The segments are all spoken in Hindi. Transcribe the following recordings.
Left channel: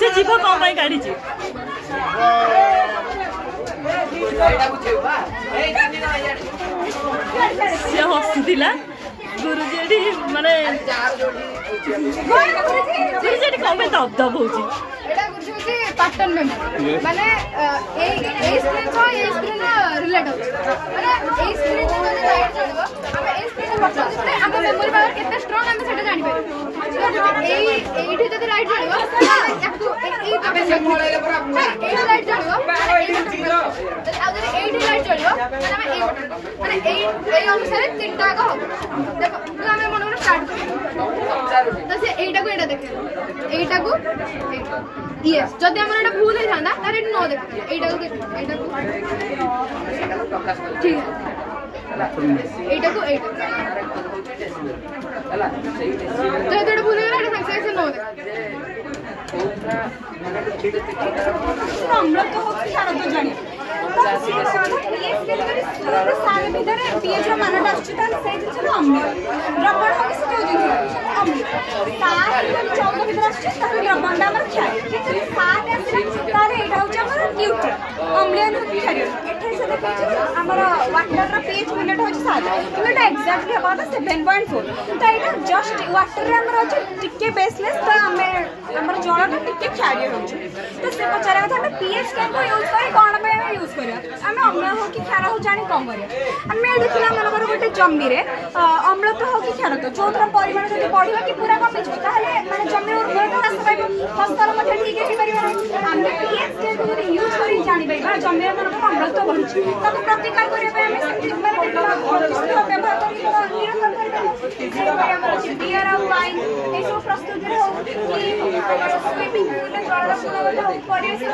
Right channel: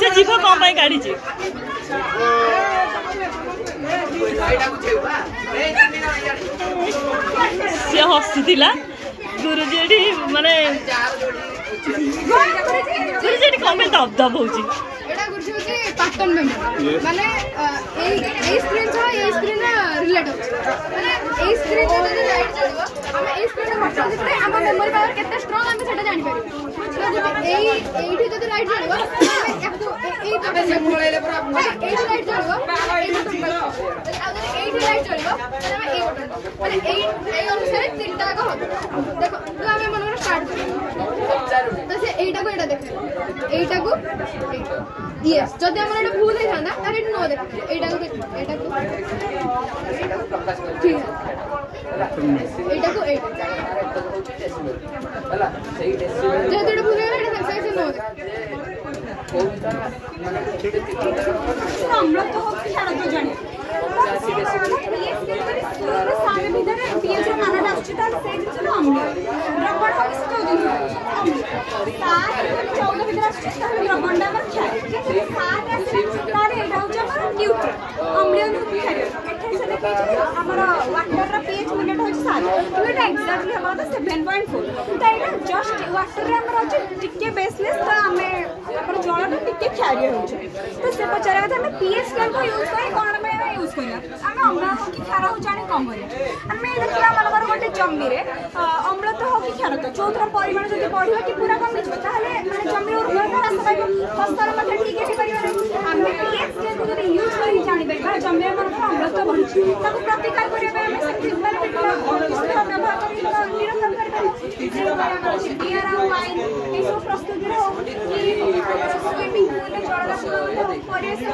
से जीव कौन पाई काढ़ी सी हसुला गुरुजी एठी माने गुरुजी एठी कौन दब दब होची एटा गुरुजी होची पैटर्न मेमोरी माने ए स्क्रीन तो ए स्क्रीन रिलेट होची माने ए स्क्रीन तो जदी लाइट चलबो हम ए स्क्रीन बटन दिखले हम मेमोरी पावर केते स्ट्रांग हम सेटा जानि पारि तो जदी एठी जदी लाइट चलबो याकू ए लाइट चलबो आ जदी एठी लाइट चलबो हम ए बटन माने ए अनुसार तीनटा को हो देखो हम मन स्टार्ट तो से एटा को एटा देखे एटा को यस जदी हमर एटा भूल हे थांदा तारे नो देखे एटा को ठीक है एटा को एटा जदी एटा भूल गला एटा संख्या से नो देखे আমরা তো ছাড়া তো জানি सारे भीतर पीएच मानटा आछी ताले से किछ अम्ल द्रवण हो से जो अम्ल 7 14 भीतर आछी ताले द्रवण हमर क्षार 7 आसे ताले एटा होछ हमर न्यूट्रल अम्लीय क्षार एठे से देखै हमर वाटर रा पीएच मिनट होछ 7 तो एटा एक्जेक्टली हमर 7.4 तो एटा जस्ट वाटर रा हमर होछ टिके बेसलेस तो हमें हमर जळटा टिके क्षारीय होछ तो से पचारा था हम पीएच केन यूज करे कोन में यूज करे हम अम्ल हो कि क्षार हो जानि कम करे हमें देखला मनकर गोटे जमी रे अम्ल तो हो कि क्षार तो चौथरा परिमाण जदि बढ़िबा कि पूरा कम छ ताले माने जमी उर्वरता ह्रास पाइबो फसल मते ठीक हे परिबा हम पीएच केन जदि यूज करी जानि पाइबा जमी मनकर अम्ल तो बढ़ि ताको प्रतिकार करे पाइ माने केतला व्यवहार करी निरंतर करबे जे हमर बियर आ वाइन ए सब प्रस्तुति रे हो कि स्विमिंग पूल रे जळरा पुरबले हो परिवेश ए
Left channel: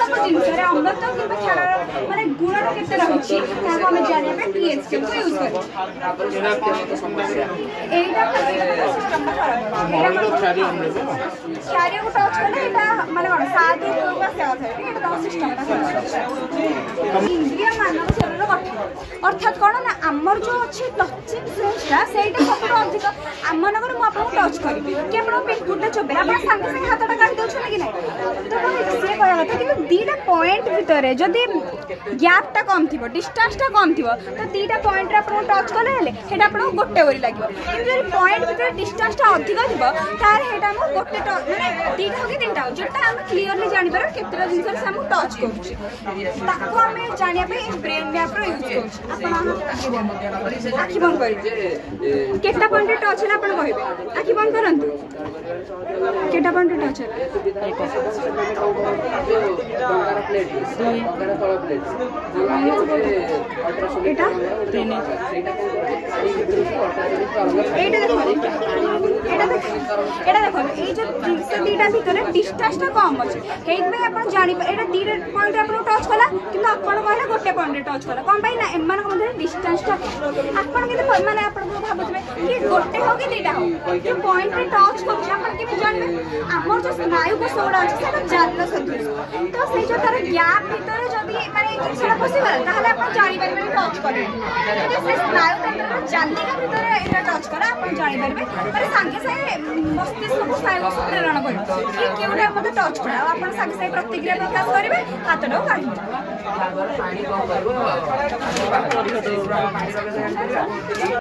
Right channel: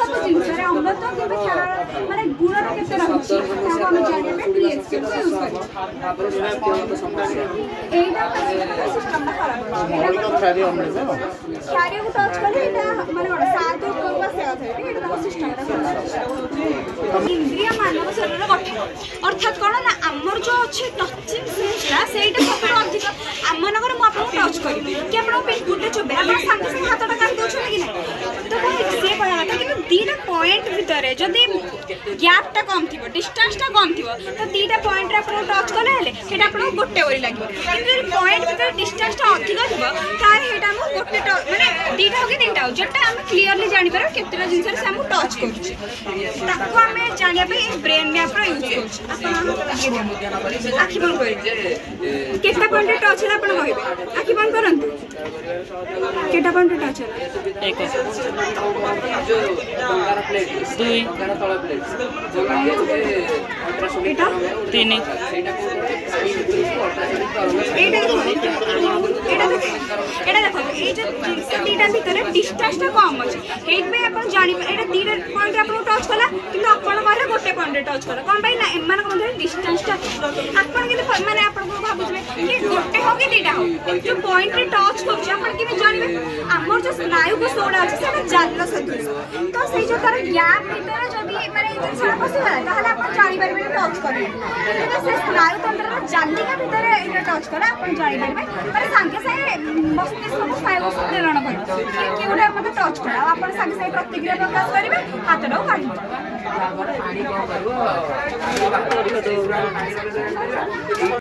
सब जिंस रे अम्ल तो कि क्षार माने गुण केते रहउची ताको हम जानिया पे पीएच के यूज करी एटा सिस्टम ना खराब एटा क्षारीय को टच करे एटा माने कोन साधु को पासे कथा एटा तो सिस्टम इंद्रिय मानव शरीर गठन अर्थात कोन ना हमर जो अछि टचिंग सेंसटा सेटा सबरो अधिक हमनकर मु आपन टच करी कि आपण गुटे चबे आपण संग संग हाथटा काट दउ छथि कि नै तो से कोन कि दीटा पॉइंट भितरे जदी गैप टा कम थिबो डिस्टेंस टा कम थिबो तो दीटा पॉइंट रे आपण टच करले हेले हेटा आपण गोटे वरी लागबो किंतु पॉइंट भितर डिस्टेंस टा अधिक थिबो तार हेटा हम गोटे माने दीटा हो कि तीनटा हो जेटा हम क्लियरली जानि पारे केतेटा जिंस से हम टच करछि ताको हमें जानिया पे ब्रेन मैप रो यूज करछि आखि बंद करी केटा पॉइंट रे टच हला आपण कहबे आखि बंद करंतु केटा पॉइंट रे टच हला एक दुई एटा तीन एटा देखो ए जो दीटा भीतर डिस्टेंस टा कम अछि हेत में अपन जानि एटा दीटा पॉइंट अपन टच कला किंतु अपन कहले गोटे पॉइंट टच कला कोन भाई ना एमान को मधे डिस्टेंस टा अपन के माने अपन को भाबुछबे कि गोटे हो कि दीटा हो जो पॉइंट रे टच करछ अपन के जानिबे हमर जो स्नायु को सोडा अछि सेटा जान्न सदृश तो से जो तार गैप भीतर जदी माने इंजेक्शन पसिबा ताहले अपन जानि परबे टच करे से स्नायु तंत्र जानि के भीतर एटा टच करा अपन जानि परबे पर संगे से मस्तिष्क को स्नायु प्रेरण करे कि क्यूडे मते टच करा अपन संगे से प्रतिक्रिया प्रकाश करिवे हाथडो काढी